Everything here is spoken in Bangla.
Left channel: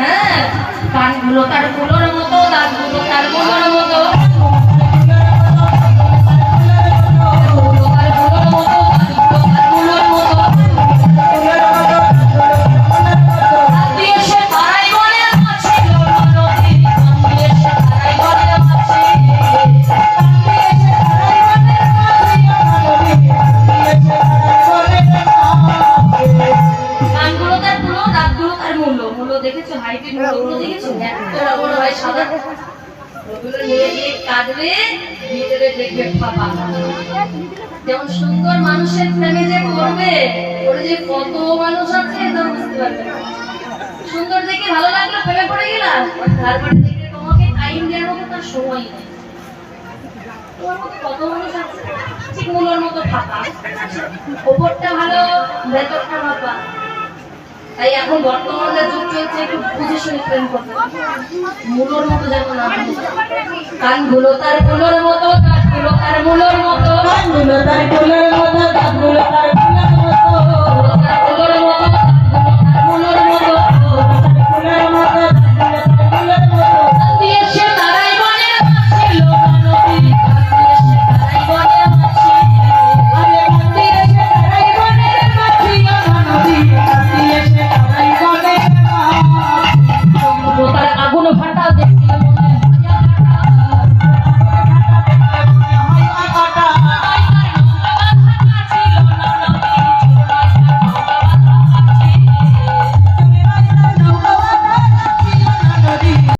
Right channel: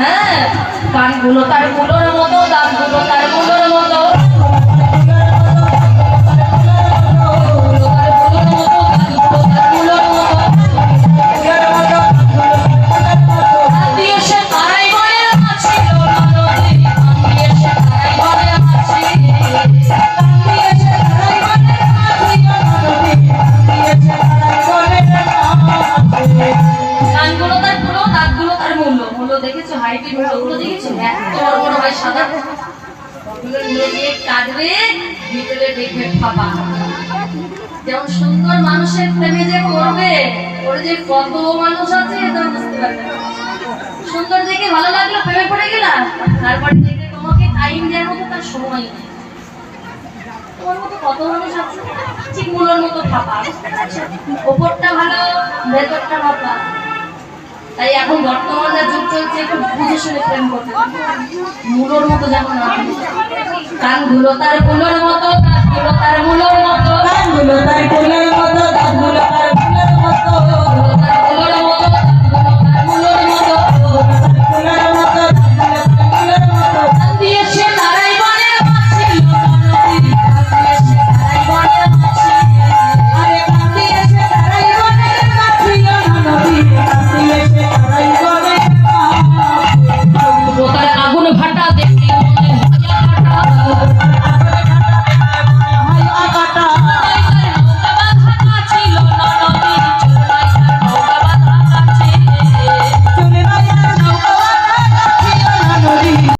হ্যাঁ, কানগুলো তার মুলোর মতো, দাঁতগুলো তার মুলোর মতো, যেমন সুন্দর মানুষের প্রেমে যে করবে, ওর যে কত মানুষ আছে এটা বুঝতে পারবে না। সুন্দর দেখে ভালো লাগলো, প্রেমে পড়ে গেলাম, তারপরে দেখে তোমাকে টাইম দেওয়ার মতো তার সময় নেই। তোমার মতো কত মানুষ আছে ঠিক মুলোর মতো ফাঁপা, ওপরটা ভালো ভেতরটা ফাঁপা। তাই এখন বর্তমানে যুগ চলছে, একটু বুঝে শুনে প্রেম করতে, মুলোর মতো যেমন না। কানগুলো তার মুলোর মতো, কানগুলো তার মুলোর মতো, কানগুলো তার মুলোর মতো, কানগুলো তার মুলোর মতো।